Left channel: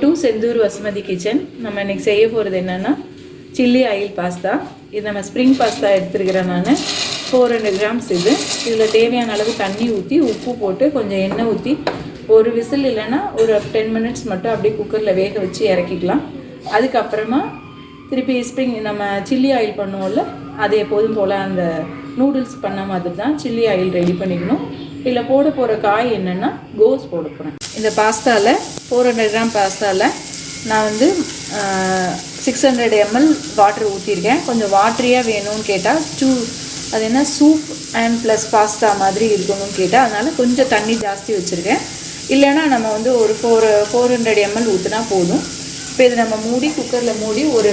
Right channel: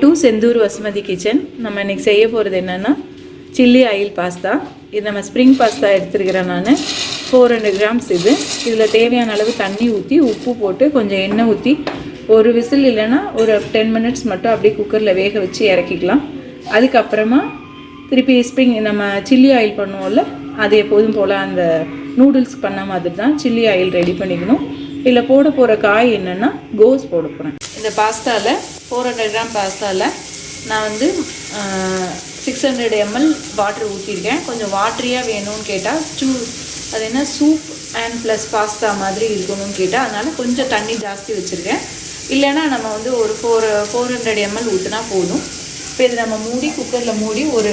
To Senthur Vasumathi kitchen. நம்ம இன்னைக்கு செய்ய போகிறது என்னென்னா சில்லி ஆயில் பாஸ்தா. இது நம்ம ஸ்ப்ரிங் பாஸ்தா எடுத்துருக்கிறேன் நான். 400 கிராம்ஸ் இது. இதில் தேவையான அளவு தண்ணி ஊற்றி உப்பு போட்டு கொஞ்சம் எண்ணெய் ஊற்றி ஒரு விசில் இல்லைன்னா ஒரு 10 மினிட்ஸ் மட்டும் அப்படியே குக்கரில் வேக வச்சு இறக்கிக்கலாம். அதுக்கப்புறமா திருப்பி ஸ்ப்ரிங் நம்ம சில்லி ஆயில் பண்ணுவோம்ல, அது எப்போதும் போல் அந்த நூடுல்ஸ் பண்ண மாதிரி தான் சில்லி ஆயில் ரெடி பண்ணிக்கணும். இதில் போட போகிற காய் என்னென்னா கோஸ் போட போகிறேன். இந்த பாஸ்தாவில் 400 கிராம் பாஸ்தாவில் நான் வந்து 600 ml வாட்டர் ஊற்றிருக்கேன். கொஞ்சம் வாட்டரியாக வேணும்னு கேட்டால் அது என்ன சூப் அண்ட் ப்ளஸ் பாஸ்தா மாதிரி இருக்கணும்னு கேட்டால் அதனால் கொஞ்சம் தண்ணி ஜாஸ்தி வச்சுருக்கேன். இல்லைன்னா நம்ம வந்து ஒரு 400 ml ஊற்றினா போதும். இப்போ இது நம்ம மூடி குக்கரில் மூடி ஒரு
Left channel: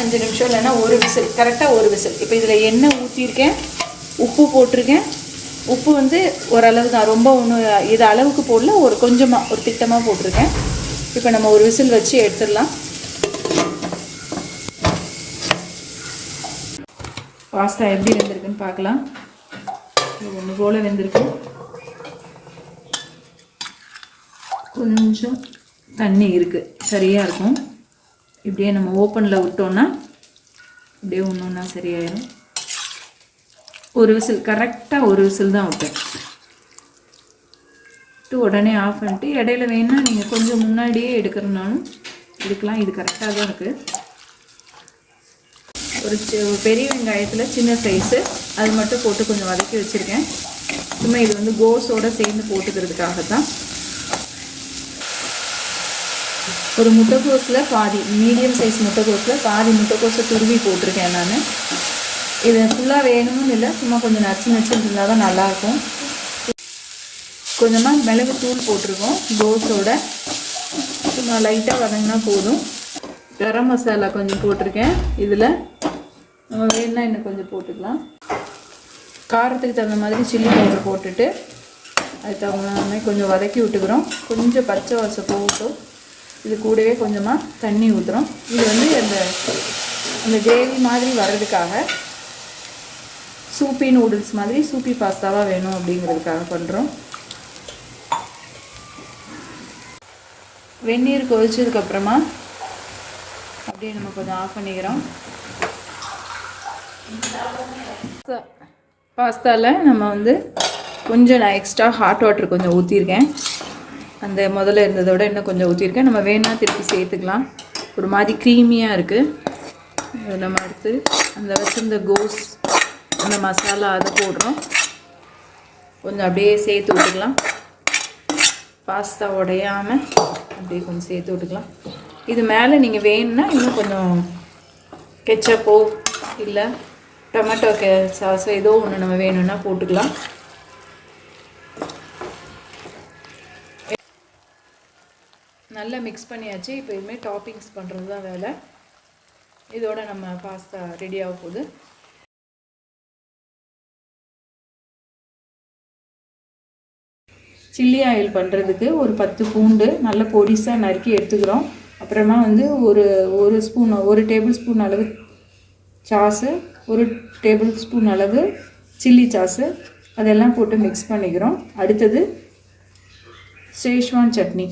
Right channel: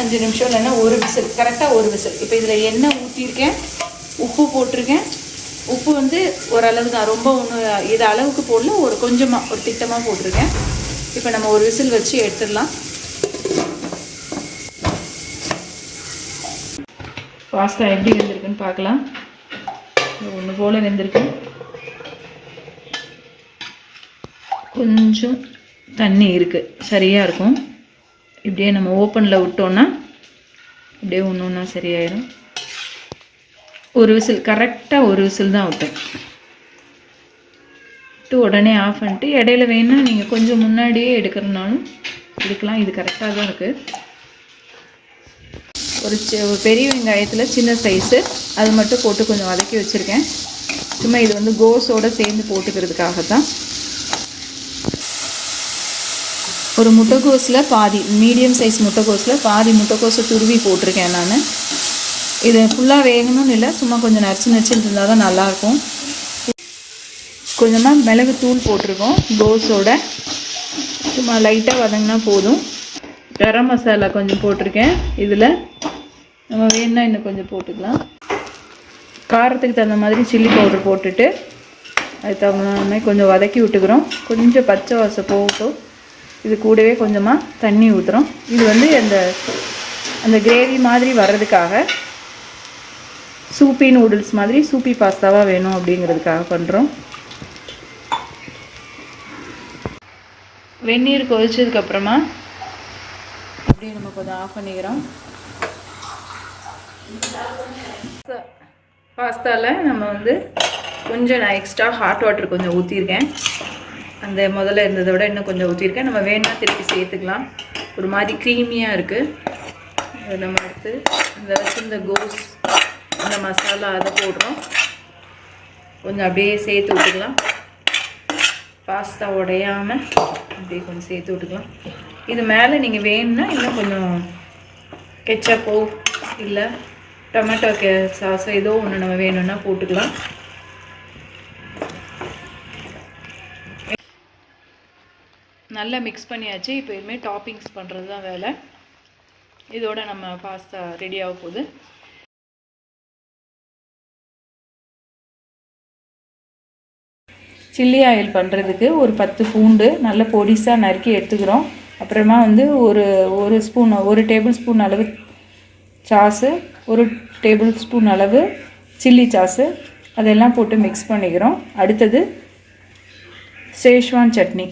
5 நிமிஷம் இல்லைன்னா ஒரு விசில், கரெக்டாக ஒரு விசில். இப்போ இதில் எண்ணெய் ஊற்றிருக்கேன், உப்பு போட்டிருக்கேன். உப்பு வந்து ஓரளவு தான், ரொம்ப ஒன்று இது அளவுக்கு போடல, ஒரு கொஞ்சமாக ஒரு திட்டமாக போட்டிருக்கேன். இப்போ நம்ம ஒரு விசில் வச்சு எடுத்துடலாம். பாஸ்தா எப்படி வெந்திருக்குன்னு பார்க்கலாம். ஒன்று போல் வெந்திருக்கு. கொஞ்சம் தண்ணி இருக்குது, சரியாக இருக்கும். இப்படியே நம்ம ஓப்பனில் விட்டோன்னா இப்படியே ஒன்று ஒன்றா சரியாயிடும். ஒரு விசில், கரெக்டாக ஒரு விசில் தான் வைப்பேன். உடனே ஆஃப் பண்ணிட்டு இடையில வேணுன்னா நீங்கள் கொஞ்சம் முன்னாடியே எடுக்கிறனாலும் எடுக்கலாம். இது கரெக்டாக தான் இருக்குது. ஒரு பெரிய வெங்காயத்தில் சின்ன சைஸு அது மட்டும் போட்டு கொஞ்சம் வதக்கி வச்சுருக்கேன். சும்மா இது வந்து கோஸோடு சேர்ந்து போட்டுக்கிறதுக்காக தான். ஒரு முட்டைக்கோஸில் பாதி, மீடியம் சைஸ் முட்டைக்கோஸில் பாதி முட்டைக்கோஸை துருவி போட்டிருக்கேன் நான். இது ஃபுல்லாக வேகணும்னு இல்லை, சும்மா கொஞ்சம் நச்சுன்னு இருந்தால் தான் நல்லாயிருக்கும். கொஞ்சமாக மிளகு தூள் போட்டிருக்கோம் கோஸோட, சும்மா லைட்டாக வதங்கினா போதும். கரம் மசாலா கொஞ்சம் போட்டிருக்கேன். இதில் நம்ம வேணுன்னா இன்னும் கொஞ்சம் போட்டுக்கலாம். காரத்துக்கு தகுந்த மாதிரி சில்லி பவுடர் போட்டுட்டு அது தகுந்த மாதிரி கொஞ்சம் வதக்கி விட்டுக்கிறோம். கொஞ்சம் பச்சை வாசம் போகும். இது கூடவே கொஞ்சமாக தண்ணி ஊற்றுறோம். இது வந்து அந்த கிரேவி மாதிரி வர்றதுக்காக, சூப்பி நூடுல்ஸ் மாதிரி சூப்பி பாஸ்தாவாக வேணும் அப்படிங்கிறதுக்காக பண்ணுறோம். வெந்நீர் கொதிச்சதுக்கப்புறமா அப்படியே நம்ம கொஞ்சம் ஆஃப் பண்ணிக்கிறோம். பாஸ்தாவில் நம்ம வந்து கொஞ்சம் நான் எக்ஸ்ட்ரா ஹாட் வாட்டர் கொஞ்சம் ஊற்றிருக்கேன். அந்த முதல்ல இருந்ததை விட இன்னும் கொஞ்சம் ஊற்றிருக்கேன். நம்ம வேணும்னா திருப்பி சேர்த்துக்கலாம். ஒரு மாதிரி க்ரீமியாக இருக்குது. அதை நம்ம அடுத்து அந்த வச்சிருந்த கோஸ் அந்த மசாலா அதை போடுறோம். கொஞ்சம் அப்படியே சேர்த்து விட்டுக்கலாம். பாஸ்தா உடையாமல் அப்படியே கொஞ்சம் சேர்த்து விட்டுக்கலாம். இது மேலே நீங்கள் வேணும்னா இன்னும் கொஞ்சம் கெச்சப்போ இல்லை டொமேட்டோ சாஸோ ஏதோ ஒன்று நம்ம வேணும்னா போட்டுக்கலாம். நல்லா மிக்ஸ் பண்ணியாச்சு. இப்போ இதுமாதிரி டாப்பிங்ஸ் பண்ணுறது தான் வேலை. இதோட நம்ம பாஸ்தா ரெடி ஆக போகுது. சில்லி ஆயில் பண்ணுறதுக்கு ஒரு 10 பூண்டு நல்ல பொடிசாக நறுக்கி எடுத்துக்கிறோம். அப்புறமா வந்து ஒரு டேபிள் ஸ்பூன் அளவு சாஸு, ஒரு டேபிள் ஸ்பூன் அளவு சில்லி சாஸு, அதெல்லாம் போட்டு மிக்ஸ் பண்ணிக்கிறோம். அடுத்தது சேஷ்வான் சட்னி.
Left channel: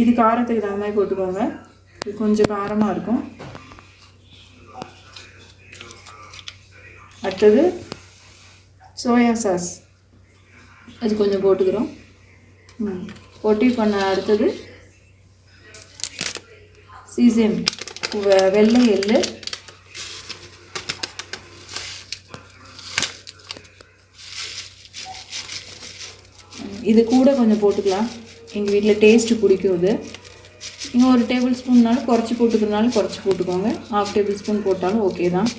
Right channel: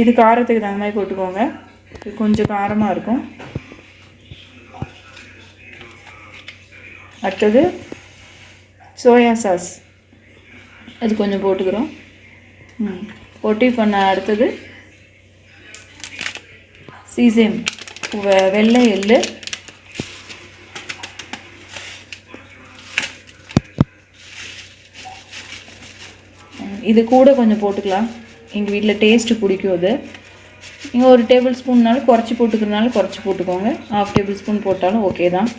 இது காரத்துக்கு தகுந்த மாதிரி போட்டுக்கோங்க. இது கொஞ்சம் காரமாக இருக்கும். அடுத்தது சோயா சாஸ், அது கொஞ்சம் போட்டுக்கிறோம். பொட்டி பண்ண அடுத்தது சீசன் வெள்ளை எள்ளு, இது கூட கொஞ்சம் போட்டுக்கலாம். எங்கள் வீட்டில் டேஸ்ட்டு பிடிக்கும். இது நீங்கள் ஒரு டேபிள் ஸ்பூன்னாலும் குறைச்சி போட்டுக்கிறனாலும் குறைச்சி போட்டுக்கோங்க. 1/2 டேபிள் ஸ்பூன் போட்டாலும் ஓகே தான்.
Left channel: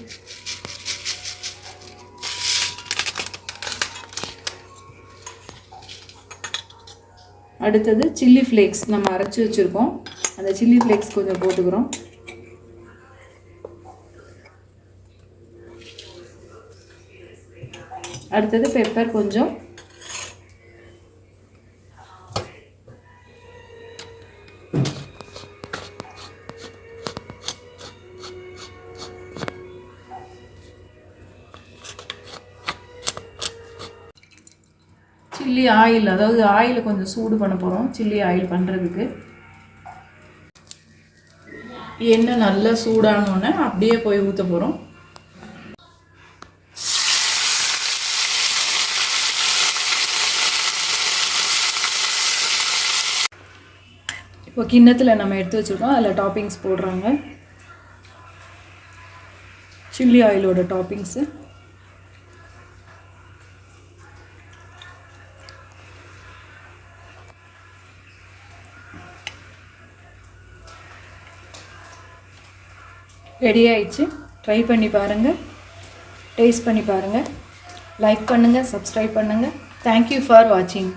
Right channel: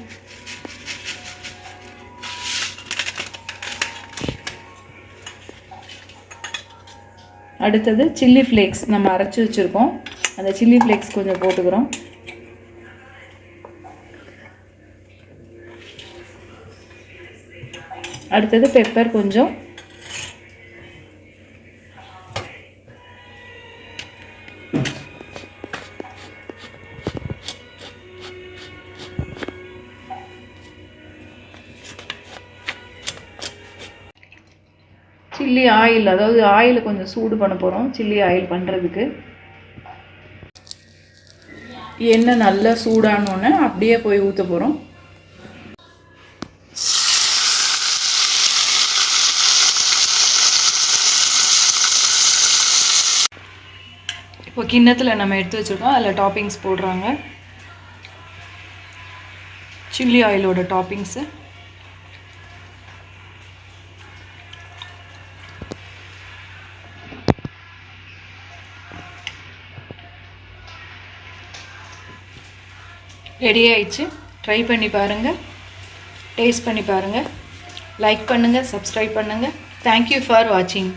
அடுத்தது சில்லி ஃப்ளேக்ஸ் நம்ம அரைச்சி வச்சுருக்கோம். அந்த சில்லி ஃப்ளேக்ஸ் கொஞ்சம் போட்டுக்கிறோம். அடுத்தது பெப்பர் கொஞ்சம், சில்லி ஆயில், அதாவது ஆயில் கொஞ்சம் சூடு பண்ண போகிறோம் சில்லி ஆயில் பண்ணுறதுக்கு. எண்ணெய் நல்லா சூடானோன்னே அப்படியே போய் ஊற்ற போகிறோம். இப்போ கிண்ணத்தில் நம்ம எடுத்து வச்சுருக்கோம், அதில் டாப்பிங்ஸ் போடுறாங்க. சில்லி ஆயிலோட டாப்பிங்ஸு. ரெடி ஆயிடுச்சு. ட்ரை பண்ணி பாருங்கள், டேஸ்ட் பண்ணி பாருங்கள், லைக் பண்ணுங்கள், சப்ஸ்கிரைப் பண்ணுங்கள். தேங்க்யூ ஃபார் வாட்சிங்.